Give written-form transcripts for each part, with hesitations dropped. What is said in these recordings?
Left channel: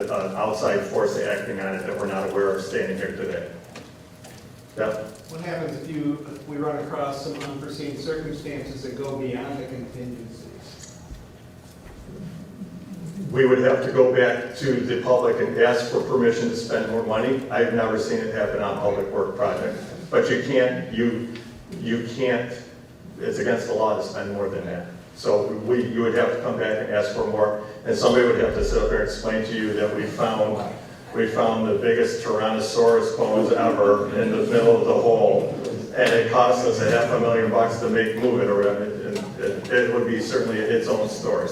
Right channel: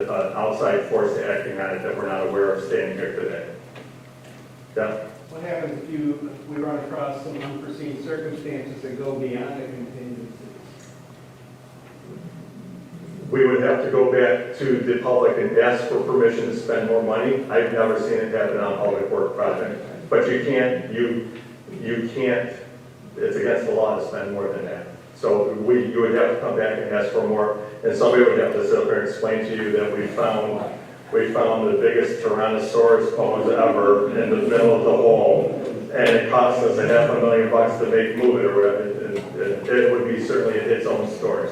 an outside force acting on it that we're not aware of standing here today. Yep. What happens if we run across some unforeseen circumstances that go beyond the contingencies? We would have to go back to the public and ask for permission to spend more money. I've never seen it happen on a public work project. But you can't, it's against the law to spend more than that. So you would have to come back and ask for more, and somebody would have to sit up there and explain to you that we found the biggest Tyrannosaurus bones ever in the middle of the hole, and it cost us $500,000 to move it, or whatever, and it would be certainly its own story.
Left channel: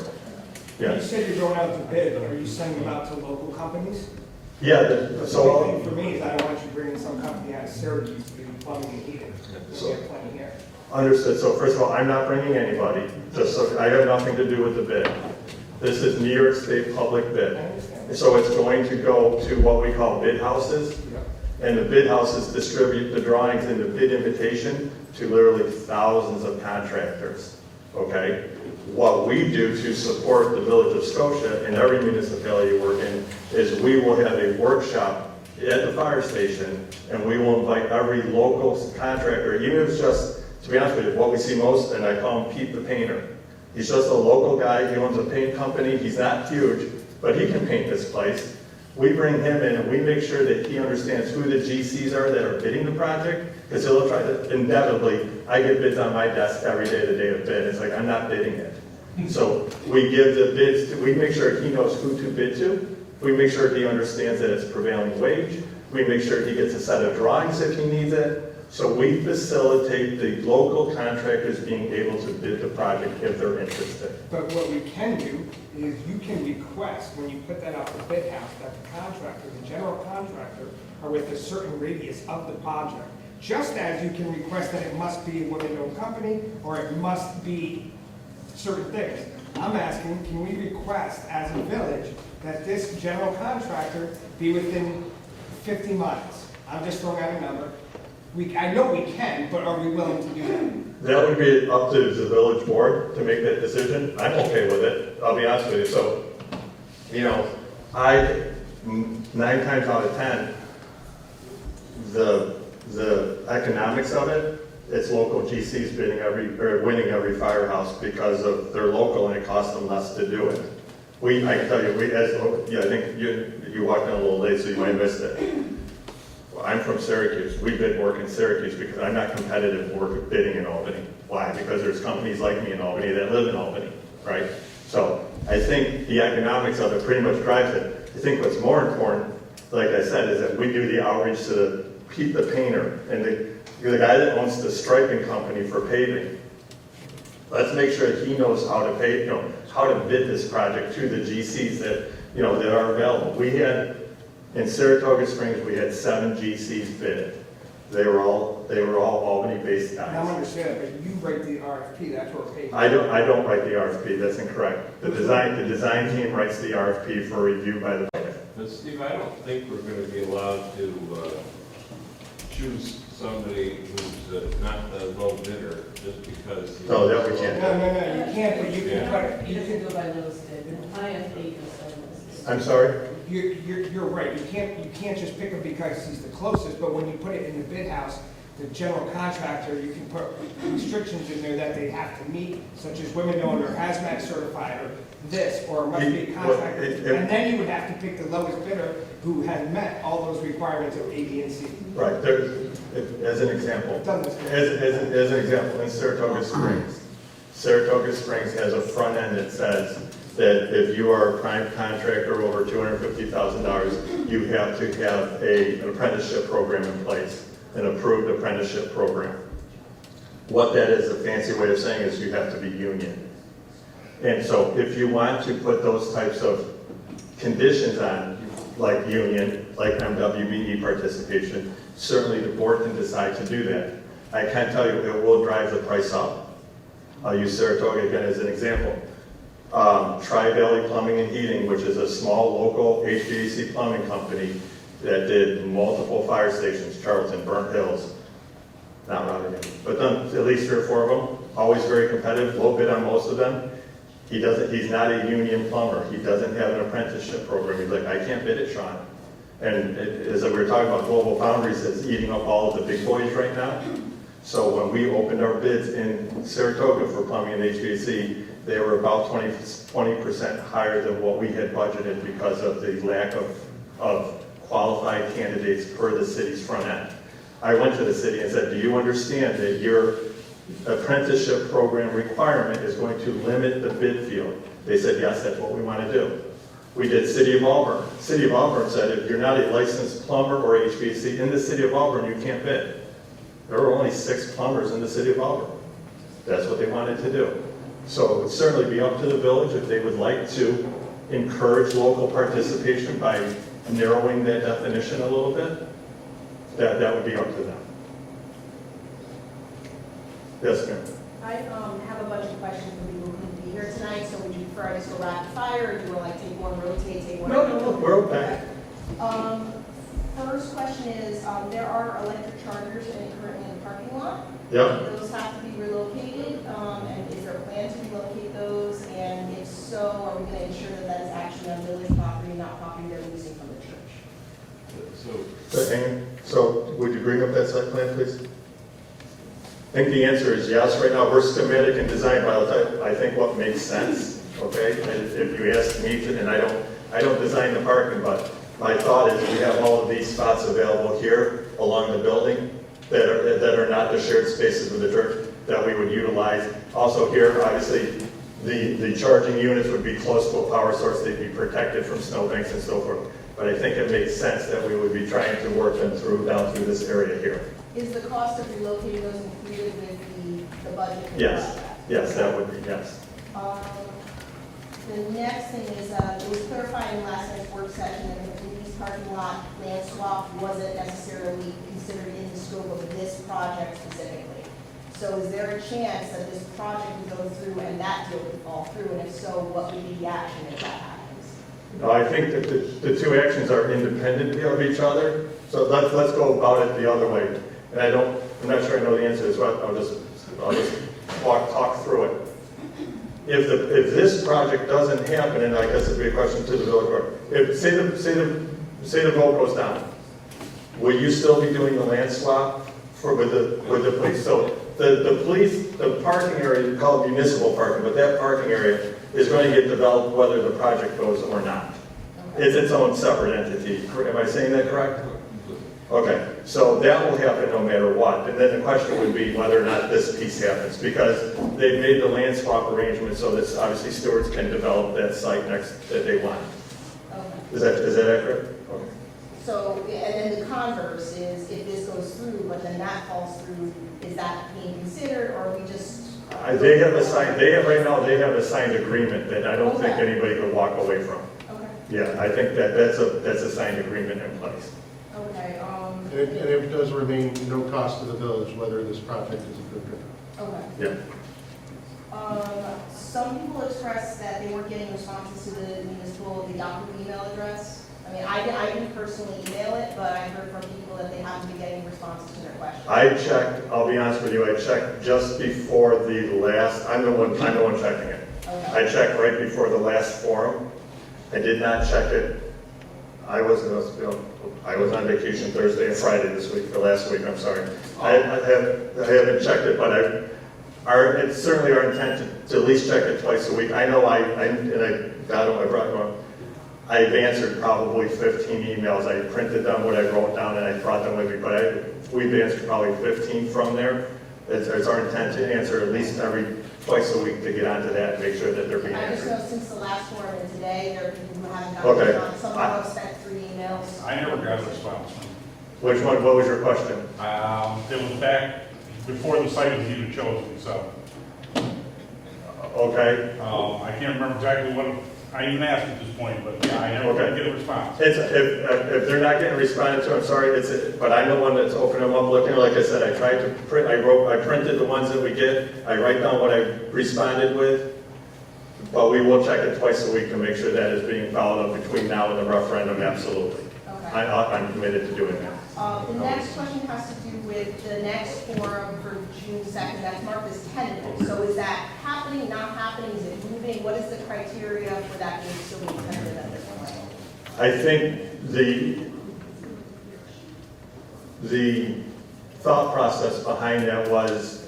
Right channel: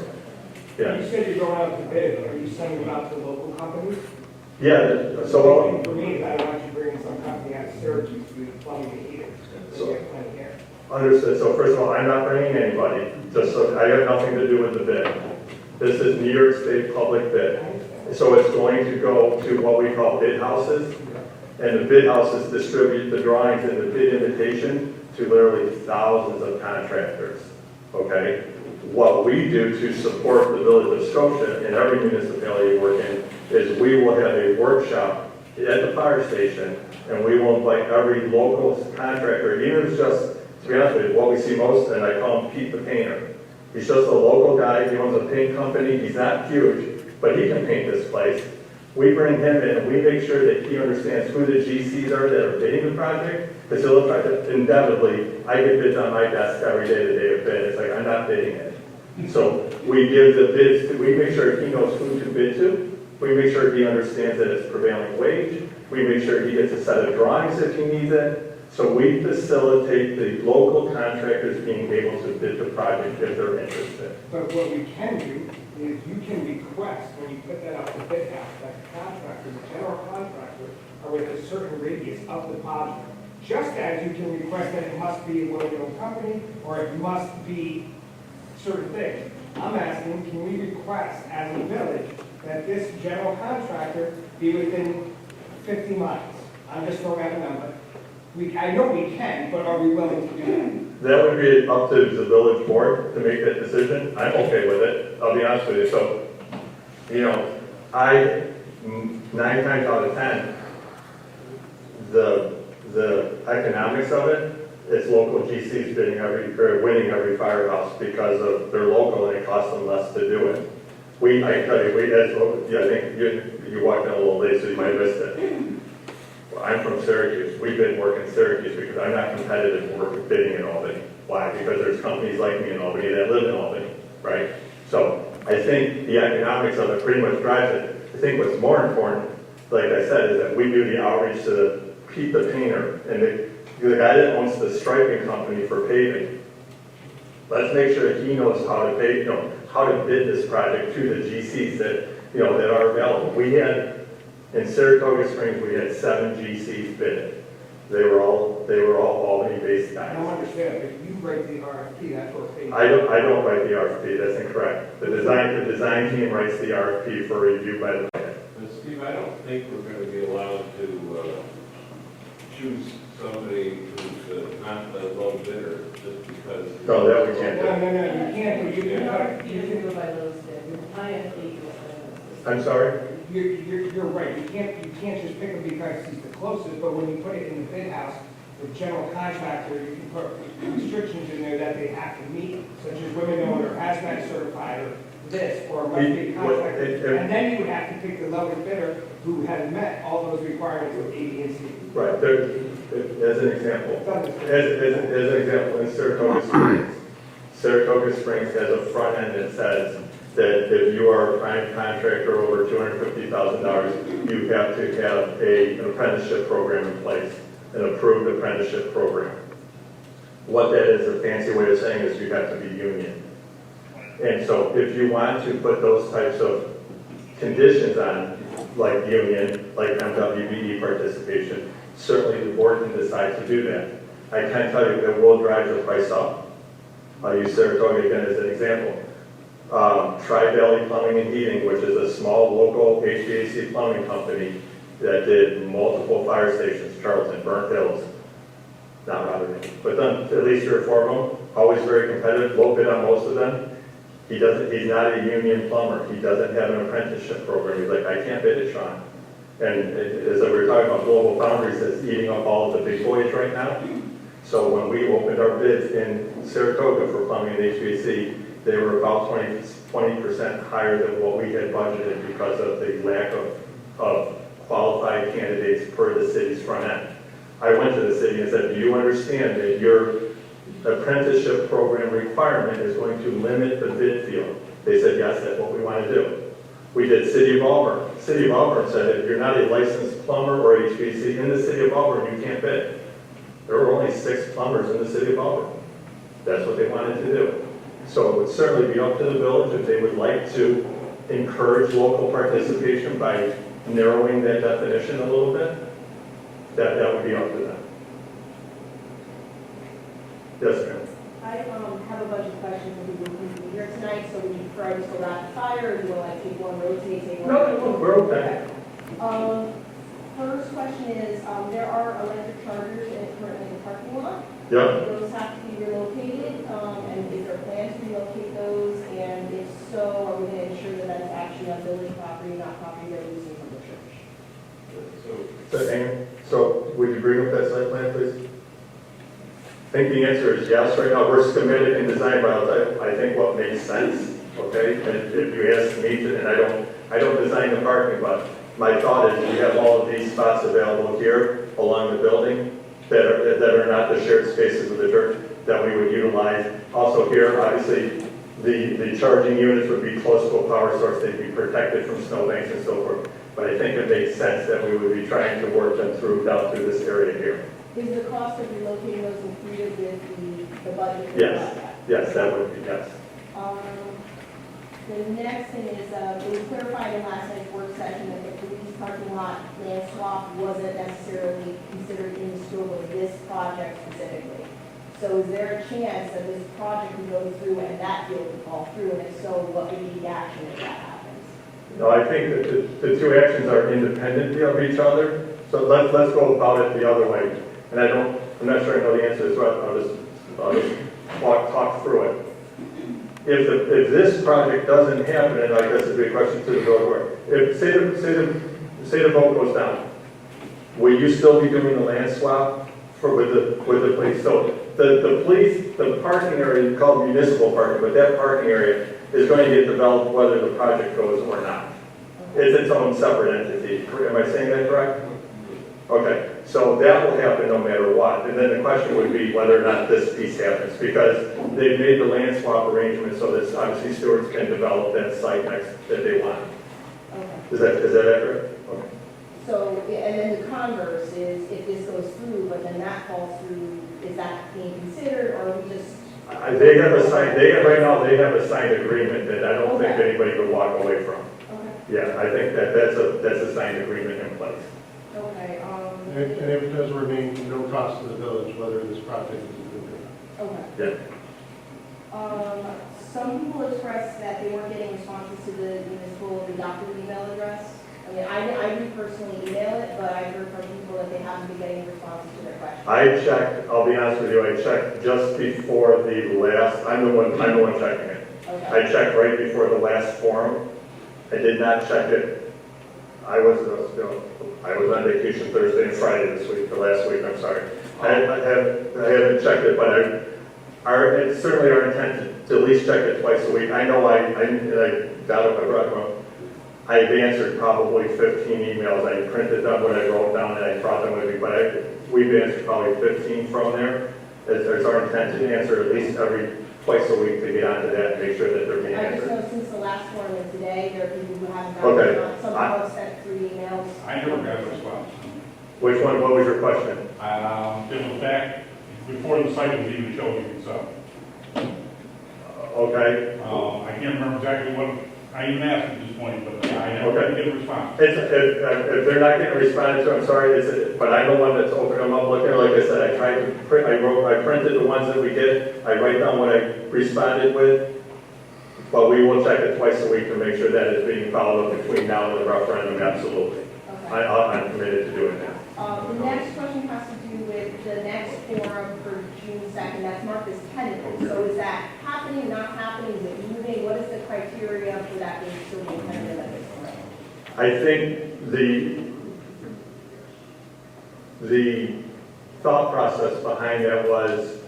Yeah. You said you're going out to bid, are you sending them out to local companies? Yeah, so, For me, I don't want you bringing some company out of Syracuse to do plumbing and heating. So- They have plenty here. understood. So first of all, I'm not bringing anybody, just so, I got nothing to do with the bid. This is New York State public bid. So it's going to go to what we call bid houses, and the bid houses distribute the drawings and the bid invitation to literally thousands of contractors, okay? What we do to support the Village of Scotia and every municipality we work in is we will have a workshop at the fire station, and we will invite every local contractor, even if it's just, to be honest with you, what we see most, and I call him Pete the Painter. He's just a local guy, he owns a paint company, he's not huge, but he can paint this place. We bring him in, and we make sure that he understands who the GCs are that are bidding the project, because he'll try to, inevitably, I get bids on my desk every day, the day of bid, it's like, I'm not bidding it. So we give the bids, we make sure he knows who to bid to, we make sure he understands that it's prevailing wage, we make sure he gets a set of drawings if he needs it. So we facilitate the local contractors being able to bid the project if they're interested. But what we can do is you can request, when you put that out to bid house, that the contractor, the general contractor, are within a certain radius of the project. Just as you can request that it must be a women-owned company, or it must be certain things. I'm asking, can we request as a village that this general contractor be within 50 miles? I'm just throwing out a number. I know we can, but are we willing to do that? That would be up to the village board to make that decision. I'm okay with it, I'll be honest with you. So, you know, 9 times out of 10, the economics of it, it's local GCs winning every firehouse because of they're local and it costs them less to do it. I can tell you, I think you walked in a little late, so you might have missed it. I'm from Syracuse. We bid work in Syracuse because I'm not competitive for bidding in Albany. Why? Because there's companies like me in Albany that live in Albany, right? So I think the economics of it pretty much drives it. I think what's more important, like I said, is that we do the outreach to the Pete the Painter and the guy that owns the striping company for paving. Let's make sure he knows how to pay, how to bid this project to the GCs that, that are available. We had, in Saratoga Springs, we had 7 GCs bid. They were all Albany-based guys. And I understand, but you write the RFP, that's what we're paying. I don't write the RFP, that's incorrect. The design team writes the RFP for review by the budget. But Steve, I don't think we're going to be allowed to choose somebody who's not the low bidder just because. No, that we can't do. No, you can't, but you can, You can do by little step. IFA goes by little I'm sorry? you're right, you can't just pick him because he's the closest, but when you put it in the bid house, the general contractor, you can put restrictions in there that they have to meet, such as women-owned or hazmat certified, or this, or must be a contractor. And then you would have to pick the lowest bidder who has met all those requirements of A, B, and C. Right, there, as an example. Douglas. As an example, in Saratoga Springs has a front end that says that if you are a prime contractor over $250,000, you have to have an apprenticeship program in place, an approved apprenticeship program. What that is, a fancy way of saying is you have to be union. And so if you want to put those types of conditions on, like union, like MWBE participation, certainly the board can decide to do that. I can tell you it will drive the price up. I'll use Saratoga again as an example. Tri-Valley Plumbing and Heating, which is a small local HVAC plumbing company that did multiple fire stations, Charlton, Burnt Hills, not Rotterdam, but done at least 3 or 4 of them, always very competitive, low bid on most of them. He's not a union plumber. He doesn't have an apprenticeship program. He's like, I can't bid it, Sean. And as we were talking about Global Foundries, it's eating up all of the big boys right now. So when we opened our bids in Saratoga for plumbing and HVAC, they were about 20% higher than what we had budgeted because of the lack of qualified candidates per the city's front end. I went to the city and said, do you understand that your apprenticeship program requirement is going to limit the bid field? They said, yes, that's what we want to do. We did City of Auburn. City of Auburn said, if you're not a licensed plumber or HVAC in the City of Auburn, you can't bid. There are only 6 plumbers in the City of Auburn. That's what they wanted to do. So it would certainly be up to the village if they would like to encourage local participation by narrowing that definition a little bit. That would be up to them. Yes, ma'am. I have a bunch of questions we will need to be here tonight, so would you prefer I just go rapid fire, or do you want to like take one, rotate, take one? No, we're okay. First question is, there are electric chargers currently in the parking lot. Yeah. Do those have to be relocated, and is there a plan to relocate those? And if so, are we going to ensure that that's actually on village property, not property they're losing from the church? So would you bring up that site plan, please? I think the answer is yes. Right now, we're schematic and design violence. I think what makes sense, okay? And if you ask me to, and I don't design the parking, but my thought is you have all of these spots available here along the building that are not the shared spaces with the church that we would utilize. Also here, obviously, the charging units would be close to a power source. They'd be protected from snowbanks and so forth. But I think it makes sense that we would be trying to work them down through this area here. Is the cost of relocating those included with the budget? for Yes. that? Yes, that would be, yes. The next thing is, it was clarified in last night's work session that the police parking lot land swap wasn't necessarily considered in the scope of this project specifically. So is there a chance that this project would go through and that deal would fall through, and if so, what would be the action if that happens? No, I think that the two actions are independent of each other. So let's go about it the other way. And I'm not sure I know the answer, so I'll just talk through it. If this project doesn't happen, and I guess it'd be a question to the board, if say the vote goes down, will you still be doing the land swap with the police? So the police, the parking area called municipal parking, but that parking area is going to get developed whether the project goes or not. It's its own separate entity. Am I saying that correct? Okay, so that will happen no matter what. And then the question would be whether or not this piece happens, because they've made the land swap arrangement so that obviously stewards can develop that site next that they want. Okay. Is that accurate? Okay. So, and then the converse is, if this goes through, but then that falls through, is that being considered, or are we just? Right now, they have a signed agreement that I don't think anybody could walk away from. Okay. Yeah, I think that's a signed agreement in place. Okay, And if it does remain no cost to the village, whether this project is approved or not. okay. Yeah. Some people expressed that they weren't getting responses to the municipal, the Yahoo email address. I mean, I do personally email it, but I've heard from people that they have to be getting responses to their questions. I checked, I'll be honest with you, I checked just before the last, I'm the one checking it. Okay. I checked right before the last forum. I did not check it. I was on vacation Thursday and Friday this week, or last week, I'm sorry. I haven't checked it, but it's certainly our intent to at least check it twice a week. I know I got on my breath. I've answered probably 15 emails. I printed them when I wrote down and I brought them with me, but we've answered probably 15 from there. It's our intent to answer at least twice a week to get onto that and make sure that they're being I just answered. know since the last forum and today, there are people who haven't Okay. gotten them. Some people have sent 3 emails. I never got a response. Which one, what was your question? It was back before the site was even chosen, so, Okay. I can't remember exactly what, I even asked at this point, but yeah, I never Okay. did get a response. If they're not getting responded to, I'm sorry, but I'm the one that's opening them up, looking, like I said, I tried to print, I printed the ones that we get, I write down what I responded with, but we will check it twice a week to make sure that is being followed up between now and the referendum, absolutely. Okay. I'm committed to doing that. The next question has to do with the next forum for June 2nd. That's marked as tentative. So is that happening, not happening? Is it moving? moving, what is the criteria for that to still be tentative at this point? I think the thought process behind that was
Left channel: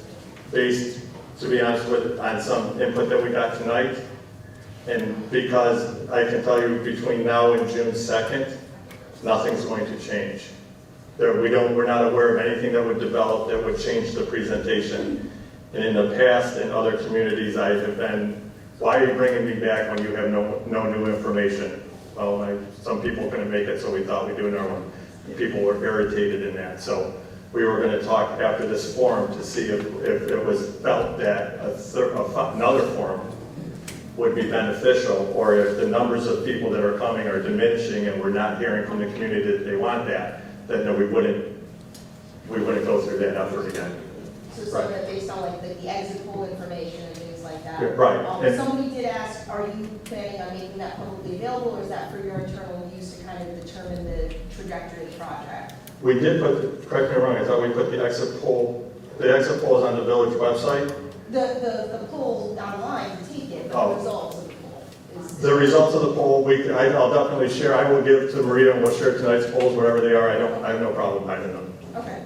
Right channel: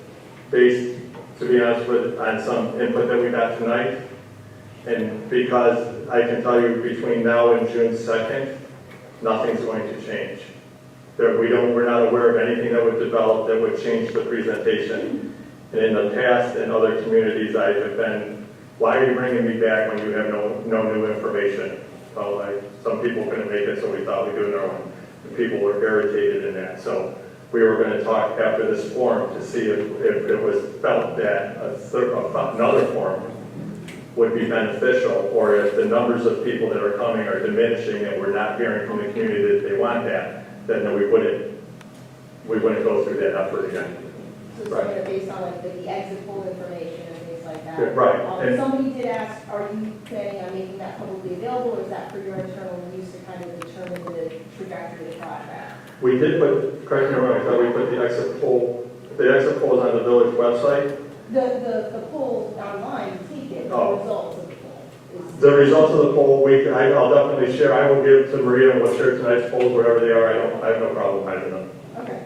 based, to be honest with, on some input that we got tonight. And because I can tell you between now and June 2nd, nothing's going to change. We're not aware of anything that would develop that would change the presentation. And in the past, in other communities, I have been, why are you bringing me back when you have no new information? Well, some people couldn't make it, so we thought we'd do another one. And people were irritated in that. So we were going to talk after this forum to see if it was felt that another forum would be beneficial, or if the numbers of people that are coming are diminishing and we're not hearing from the community that they want that, then no, we wouldn't go through that effort again. So some of it based on like the exit poll information and things like that. Right. And Somebody did ask, are you planning on making that publicly available, or is that for your internal use to kind of determine the trajectory of the project? we did put, correct me if I'm wrong, I thought we put the exit poll is on the village website. The poll online, take it, but Oh. the results of the poll. is- The results of the poll, I'll definitely share, I will give to Maria, and we'll share tonight's polls, wherever they are, I have no problem hiding them. Okay.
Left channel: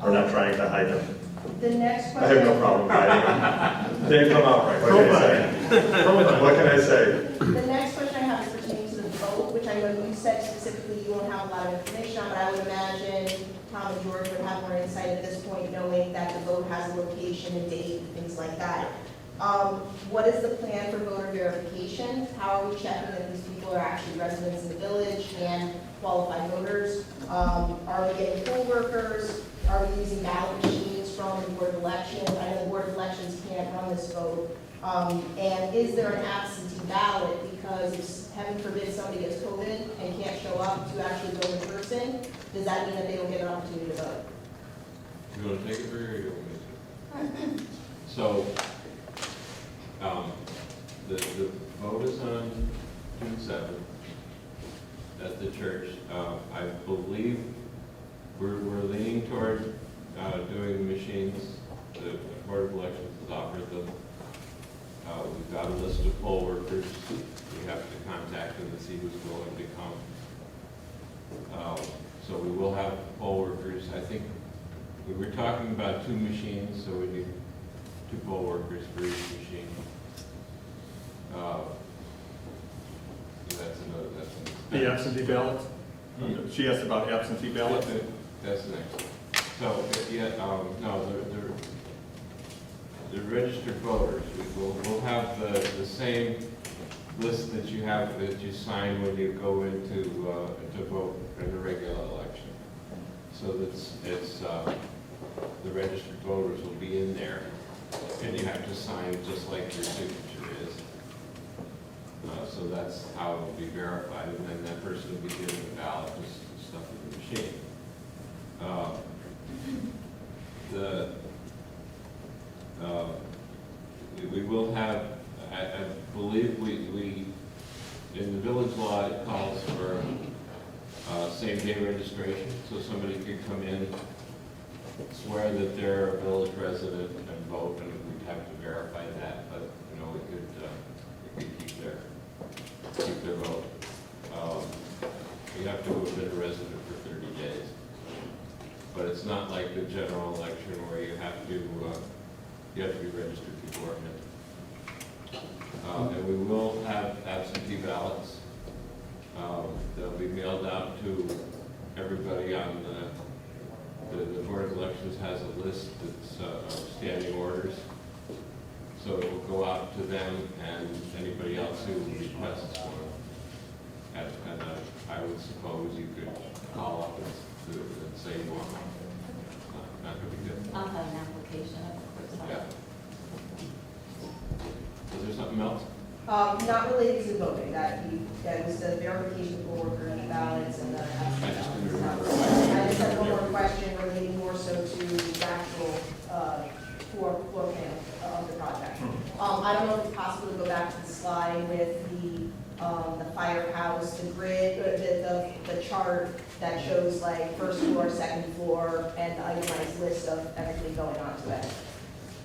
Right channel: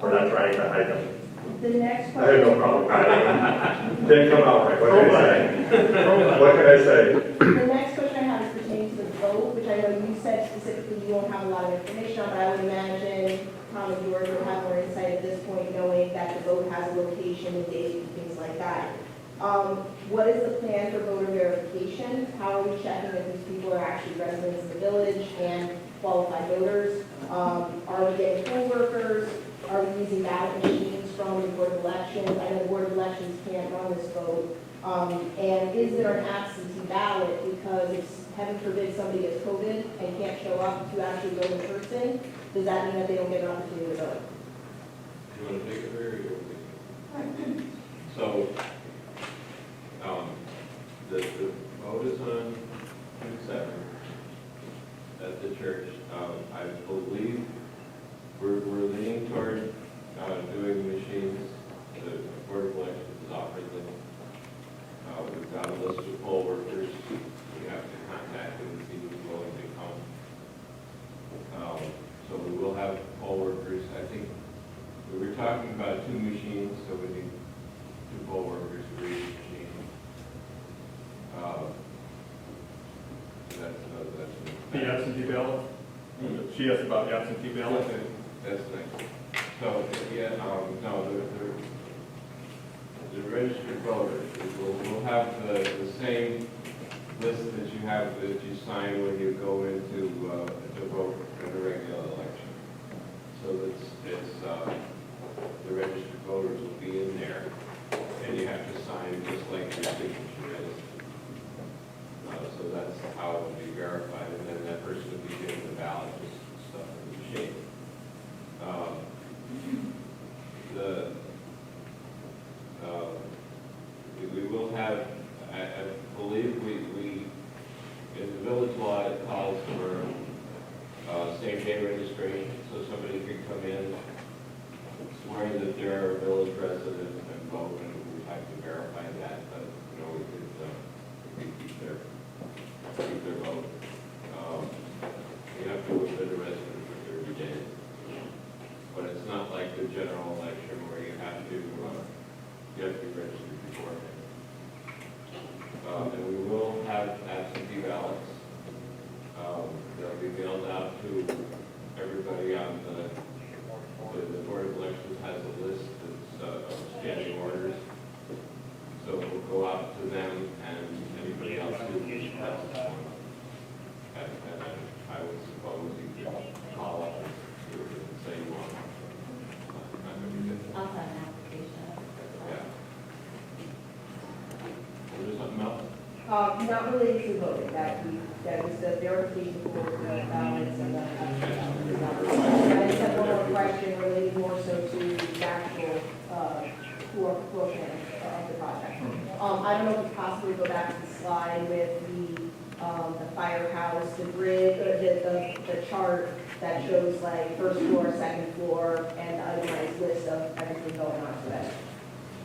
We're not trying to hide them. The next I have no question, problem hiding them. Didn't come out right, what can I say? What can I say? the next question I have is pertaining to the vote, which I know you said specifically you won't have a lot of information on, but I would imagine Tom and George would have more insight at this point, knowing that the vote has a location and date and things like that. What is the plan for voter verification? How are we checking that these people are actually residents of the village and qualified voters? Are we getting poll workers? Are we using ballot machines from the Board of Elections? I know the Board of Elections can't run this vote. And is there an absentee ballot? Because if, heaven forbid, somebody gets COVID and can't show up to actually vote in person, does that mean that they don't get an opportunity to vote? Do you want to take it, Barry, or you want me to? So, the vote is on June 7th at the church. I believe we're leaning toward doing the machines. The Board of Elections has offered them. We've got a list of poll workers. We have to contact them and see who's willing to come. So we will have poll workers. I think we were talking about 2 machines, so we need 2 poll workers for each machine. The absentee ballot? She asked about absentee ballot. That's nice. So, yeah, no, the registered voters, we'll have the same list that you have, that you sign when you go into, to vote in a regular election. So it's the registered voters will be in there, and you have to sign just like your signature is. So that's how it will be verified, and then that person will be given the ballot and stuff in the machine. We will have, I believe we, in the village law, it calls for same-day registration, so somebody could come in, swear that they're a village resident and vote, and we'd have to verify that, but, you know, we could keep their vote. You have to have been a resident for 30 days. But it's not like the general election where you have to be registered beforehand. And we will have absentee ballots. They'll be mailed out to everybody on the Board of Elections has a list that's of standing orders. So it will go out to them and anybody else who requests one. And I would suppose you could call up and do it and say you want one. That would be good. I'll have an application. Yeah. Is there something else? Not related to voting, that was the verification for the ballots and the. I just have one more question relating more so to the actual, floor plan of the project. I don't know if it's possible to go back to the slide with the firehouse, the grid, the chart that shows like first floor, second floor, and the itemized list of everything going on to it. I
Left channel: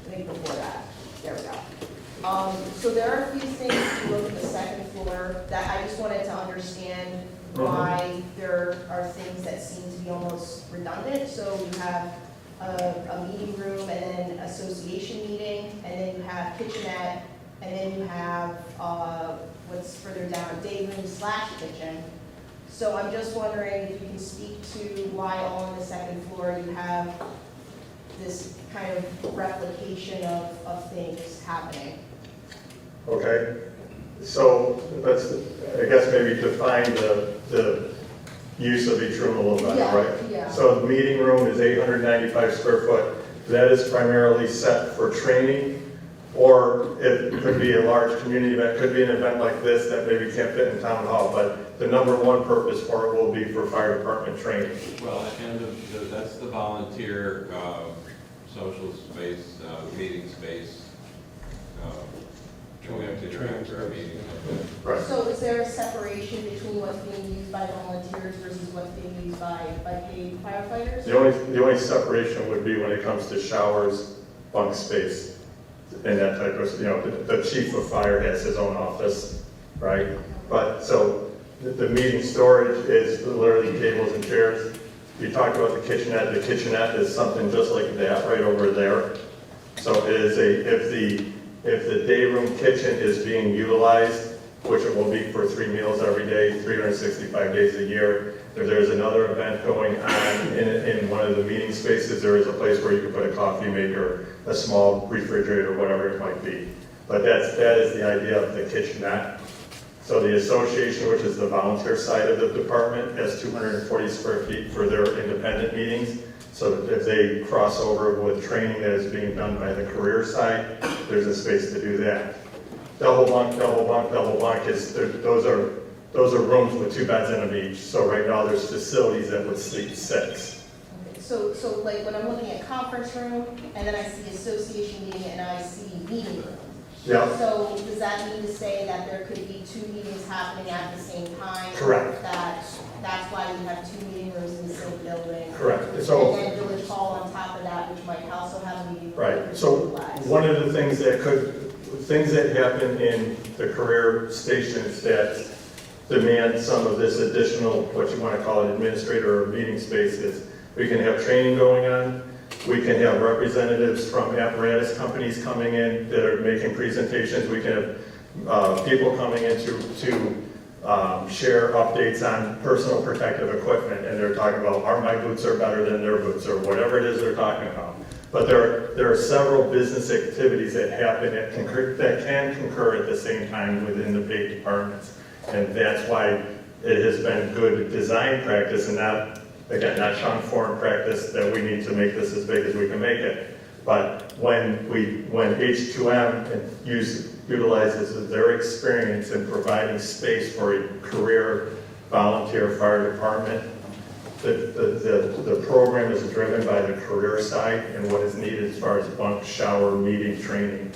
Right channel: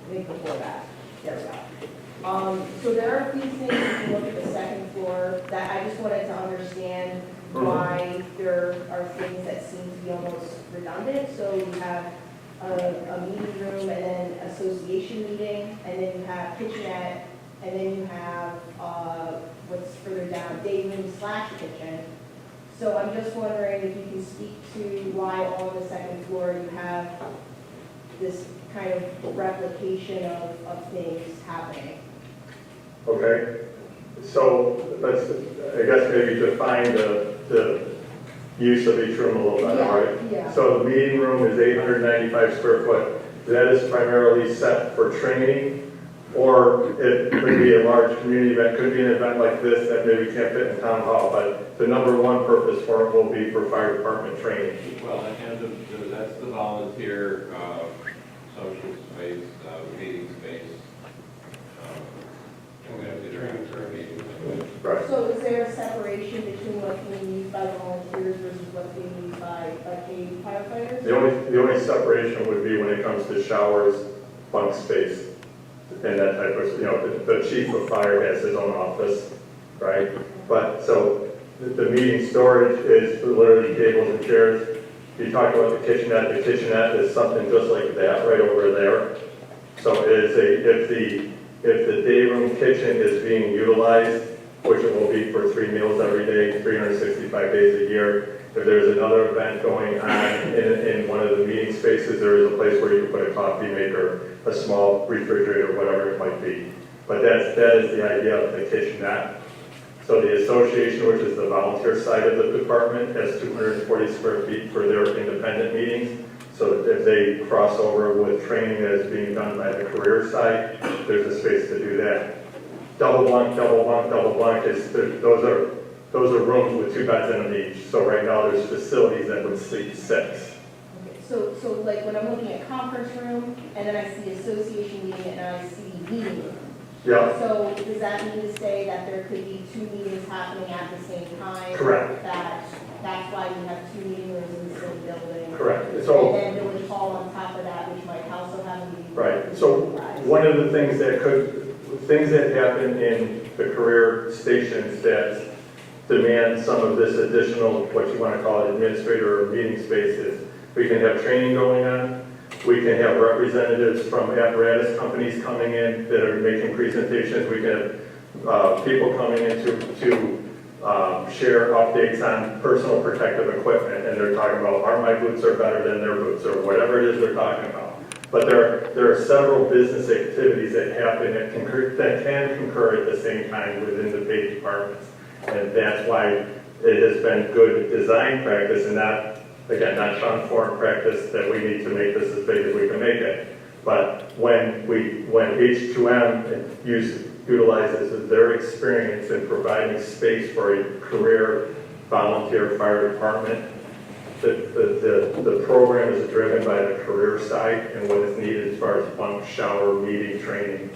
think before that, there we go. So there are a few things if you look at the second floor that I just wanted to understand why there are things that seem to be almost redundant. So you have a meeting room and then association meeting, and then you have kitchenette, and then you have, what's further down, day room slash kitchen. So I'm just wondering if you can speak to why all on the second floor you have this kind of replication of things happening. Okay, so let's, I guess maybe define the use of each room a little better, Yeah, right? yeah. So the meeting room is 895 square foot. That is primarily set for training, or it could be a large community event, could be an event like this that maybe can't fit in town hall, but the number one purpose for it will be for fire department training. Well, and that's the volunteer, social space, meeting space. And we have to interact for our meetings. Right. So is there a separation between what's being used by volunteers versus what's being used by paid firefighters? The only separation would be when it comes to showers, bunk space, and that type of, the chief of fire has his own office, right? But, so, the meeting storage is literally tables and chairs. You talked about the kitchenette is something just like that right over there. So it is if the day room kitchen is being utilized, which it will be for 3 meals every day, 365 days a year. If there's another event going on in one of the meeting spaces, there is a place where you can put a coffee maker, a small refrigerator, whatever it might be. But that is the idea of the kitchenette. So the association, which is the volunteer side of the department, has 240 square feet for their independent meetings. So if they cross over with training that is being done by the career side, there's a space to do that. Double bunk, those are rooms with 2 beds in them each. So right now, there's facilities that would sleep 6. Okay, so like when I'm looking at conference room, and then I see association meeting, and I see meeting room. Yeah, So does that mean to say that there could be 2 meetings happening at the same time? Correct. That's why we have 2 meeting rooms in the same building? correct. And So, then Village Hall on top of that, which might also have a meeting room. right, so one of the things that happen in the career stations that demand some of this additional, what you want to call it, administrator or meeting spaces, we can have training going on. We can have representatives from apparatus companies coming in that are making presentations. We can have people coming in to share updates on personal protective equipment, and they're talking about, my boots are better than their boots, or whatever it is they're talking about. But there are several business activities that happen that can concur at the same time within the paid departments. And that's why it has been good design practice and not, again, not Sean Foreign practice that we need to make this as big as we can make it. But when H2M utilizes their experience in providing space for a career volunteer fire department, the program is driven by the career side and what is needed as far as bunk, shower, meeting, training.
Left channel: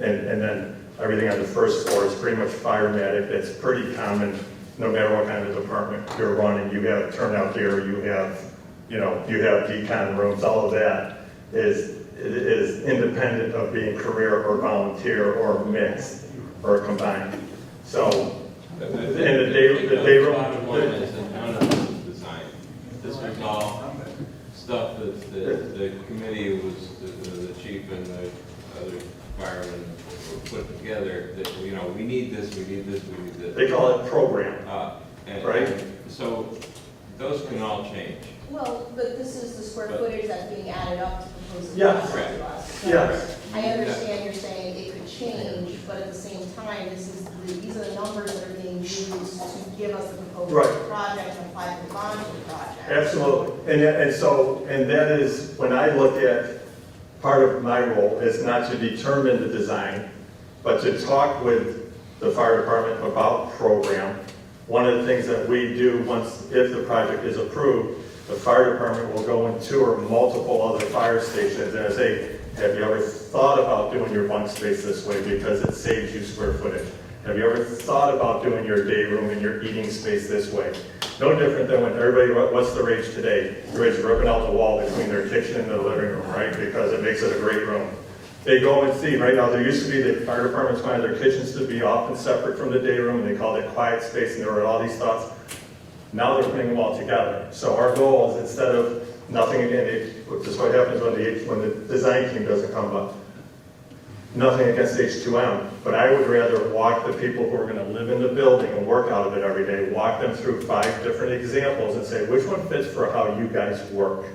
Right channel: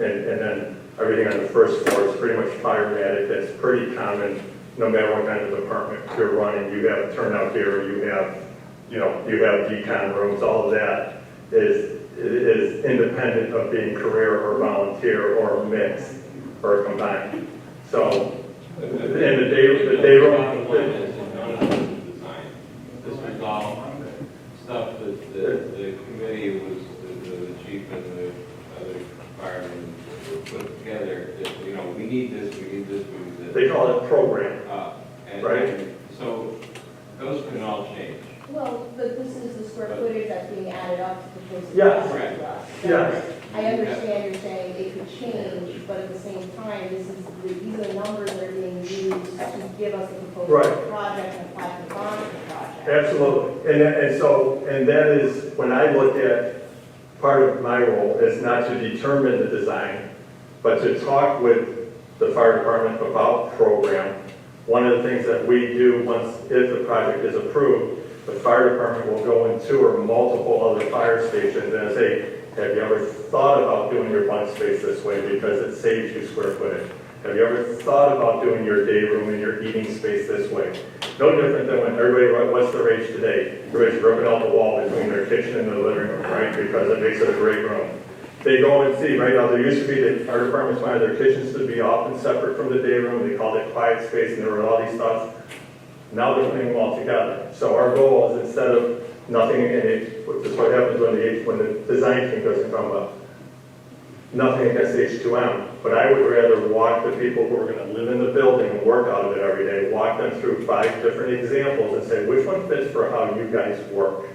And then everything on the first floor is pretty much firematic. It's pretty common, no matter what kind of department you're running. You have turnout gear, you have decon rooms, all of that is independent of being career or volunteer or mixed or combined. So, and the day room. One is the townhouse design. This was all stuff that the committee was, the chief and the other firemen put together, that, we need this, we need this. They call it program. Right. And so those can all change. Well, but this is the square footage that's being added up to the proposed Yes. cost to us. So Yes. I understand you're saying it could change, but at the same time, these are the numbers that are being used to give us the proposed Right. project and apply for bond for the project. Absolutely. And that is, when I look at, part of my role is not to determine the design, but to talk with the fire department about program. One of the things that we do if the project is approved, the fire department will go and tour multiple other fire stations and say, have you ever thought about doing your bunk space this way because it saves you square footage? Have you ever thought about doing your day room and your eating space this way? No different than when everybody, what's the rage today? Everybody's ripping out the wall between their kitchen and the living room, right? Because it makes it a great room. they go and see, right now, there used to be, the fire departments wanted their kitchens to be off and separate from the day room, and they called it quiet space, and there were all these thoughts. Now they're putting them all together. So our goal is, instead of nothing in it, this is what happens when the design team doesn't come up. Nothing against H2M, but I would rather walk the people who are gonna live in the building and work out of it every day, walk them through 5 different examples and say, which one fits for how you guys work?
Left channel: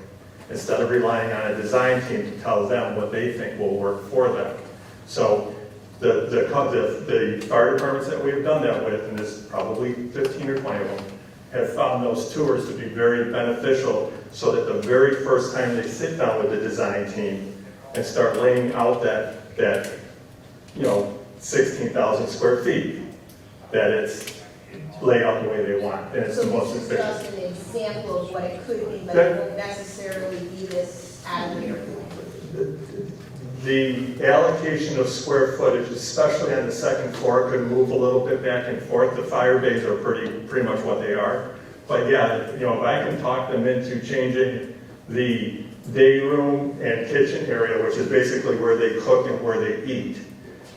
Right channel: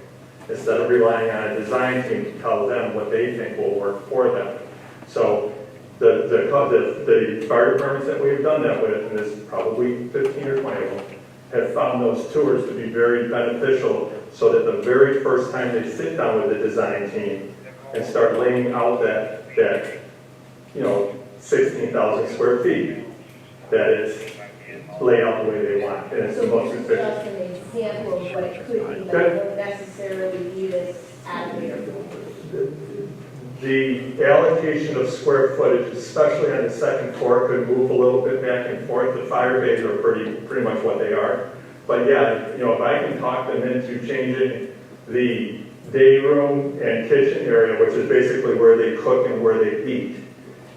Instead of relying on a design team to tell them what they think will work for them. So the fire departments that we have done that with, and there's probably 15 or 20 of them, have found those tours to be very beneficial, so that the very first time they sit down with the design team and start laying out that 16,000 square feet, that it's laid out the way they want, and it's the most This is efficient. just an example of what it could be, but Good. it won't necessarily be this avenue. The allocation of square footage, especially on the second floor, could move a little bit back and forth. The fire bays are pretty much what they are. But yeah, if I can talk them into changing the day room and kitchen area, which is basically where they cook and where they eat,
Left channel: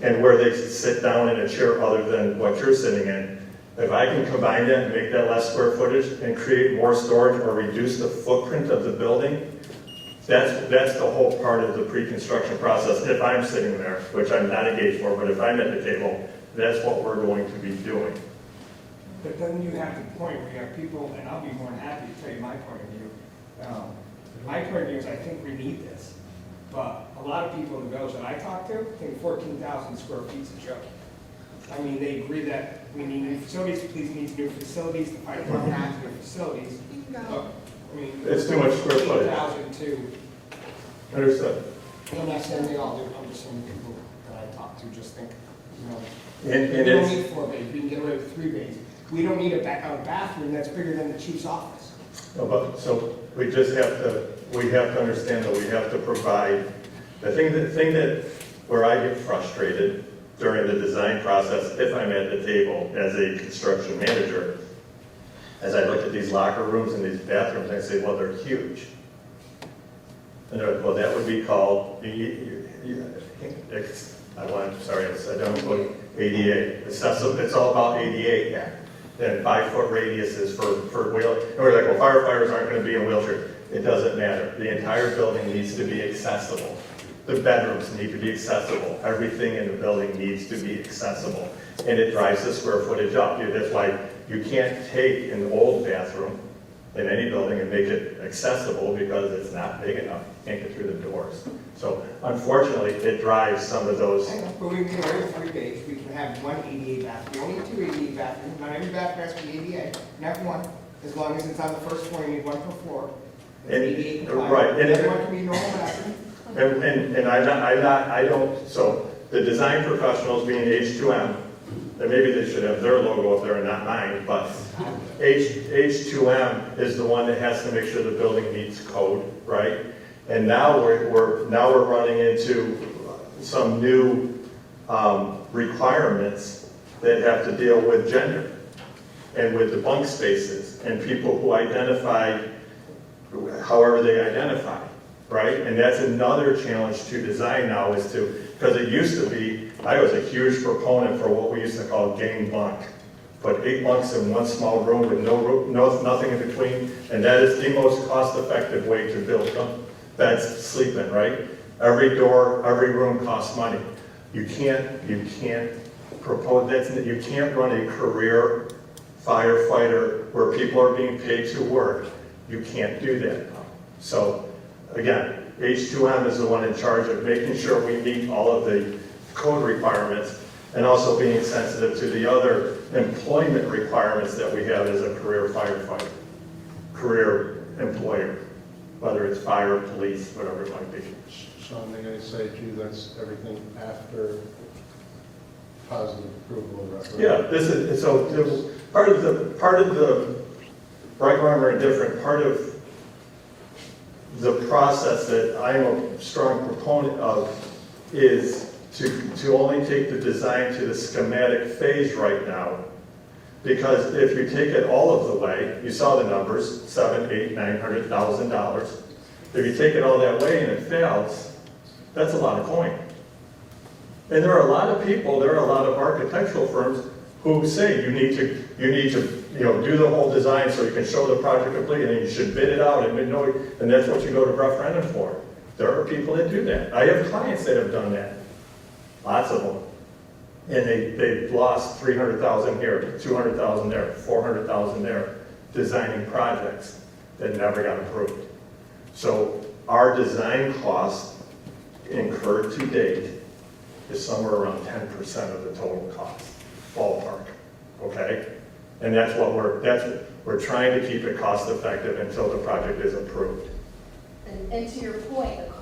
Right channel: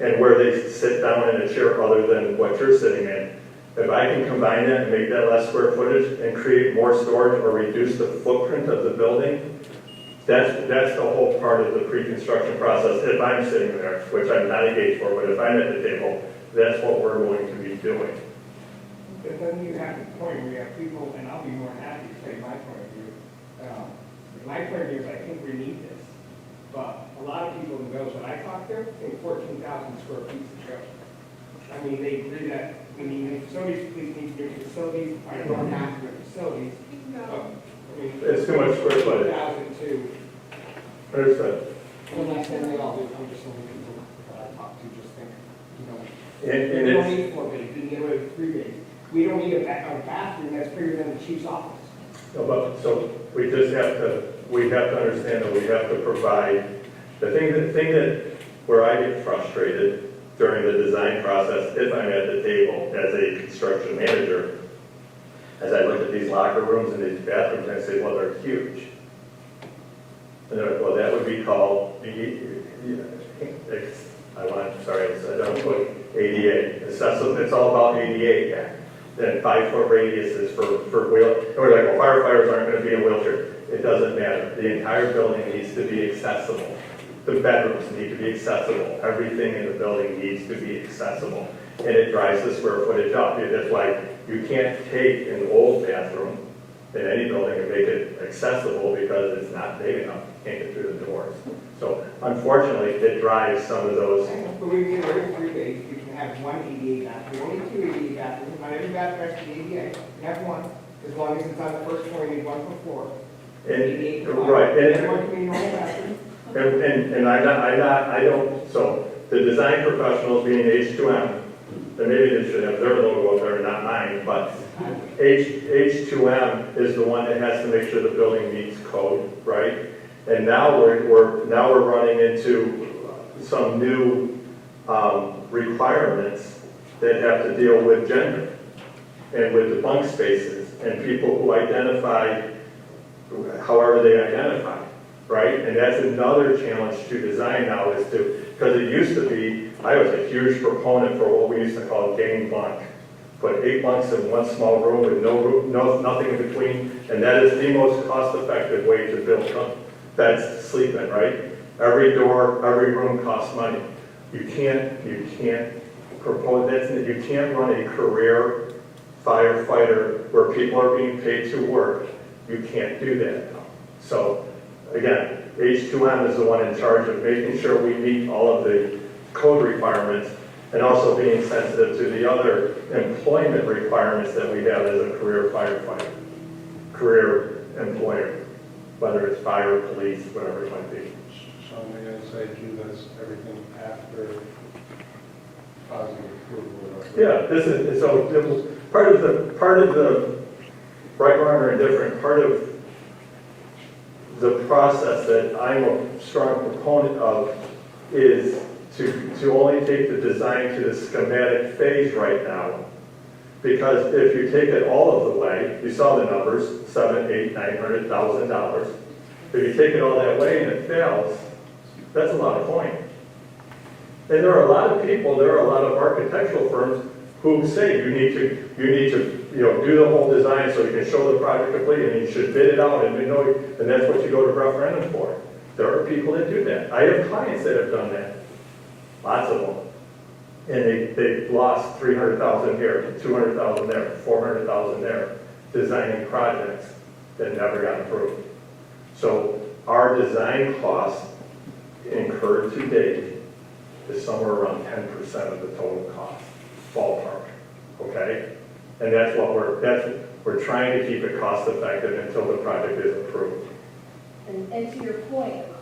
and where they sit down in a chair other than what you're sitting in. If I can combine that and make that less square footage and create more storage or reduce the footprint of the building, that's the whole part of the pre-construction process. If I'm sitting there, which I'm not engaged for, but if I'm at the table, that's what we're going to be doing. But then you have the point where you have people, and I'll be more than happy to take my point of view. My point of view is I think we need this, but a lot of people in the village that I talk to think 14,000 square feet is a joke. I mean, they agree that we need new facilities, police needs new facilities, the fire department has new facilities. I mean, It's too much square footage. 14,002. Understood. I'm not saying they all do, I'm just saying the people that I talk to just think, And we don't it's, need 4 bays, we can get away with 3 bays. We don't need a bathroom that's bigger than the chief's office. so we just have to, understand that we have to provide, the thing that, where I get frustrated during the design process, if I'm at the table as a construction manager, as I look at these locker rooms and these bathrooms, I say, well, they're huge. And they're like, well, that would be called, I don't put ADA, accessible, it's all about ADA Act. And 5-foot radiuses for wheel, and we're like, well, firefighters aren't gonna be in wheelchairs. It doesn't matter. The entire building needs to be accessible. The bedrooms need to be accessible. Everything in the building needs to be accessible. And it drives the square footage up. That's why you can't take an old bathroom in any building and make it accessible because it's not big enough. You can't get through the doors. So unfortunately, it drives some of those. But we can go with 3 bays, we can have 1 ADA bathroom, we only 2 ADA bathrooms, not every bathroom has to be ADA. You can have 1, as long as it's on the first floor, you need 1 per floor. ADA compliant. Right. And one can be normal bathroom. And I don't, so the design professionals being H2M, and maybe they should have their logo up there and not mine, but H2M is the one that has to make sure the building meets code, right? And now we're running into some new requirements that have to deal with gender and with the bunk spaces and people who identify however they identify, right? And that's another challenge to design now is to, because it used to be, I was a huge proponent for what we used to call game bunk. Put 8 bunks in one small room with nothing in between, and that is the most cost-effective way to build beds to sleep in, right? Every door, every room costs money. You can't propose that. You can't run a career firefighter where people are being paid to work. You can't do that now. So again, H2M is the one in charge of making sure we meet all of the code requirements and also being sensitive to the other employment requirements that we have as a career firefighter, career employer, whether it's fire, police, whatever it might be. Sean, may I say to you, that's everything after positive approval of our. Yeah, this is, so there was part of the right, wrong, or indifferent, part of the process that I'm a strong proponent of is to only take the design to the schematic phase right now. Because if you take it all of the way, you saw the numbers, $700,000, $800,000, $900,000. If you take it all that way and it fails, that's a lot of coin. And there are a lot of people, there are a lot of architectural firms who say you need to, do the whole design so you can show the project complete, and you should bid it out, and that's what you go to referendum for. There are people that do that. I have clients that have done that, lots of them. And they've lost 300,000 here, 200,000 there, 400,000 there, designing projects that never got approved. So our design cost incurred to date is somewhere around 10% of the total cost, ballpark, okay? And that's what we're trying to keep it cost effective until the project is approved. And to your point, the cost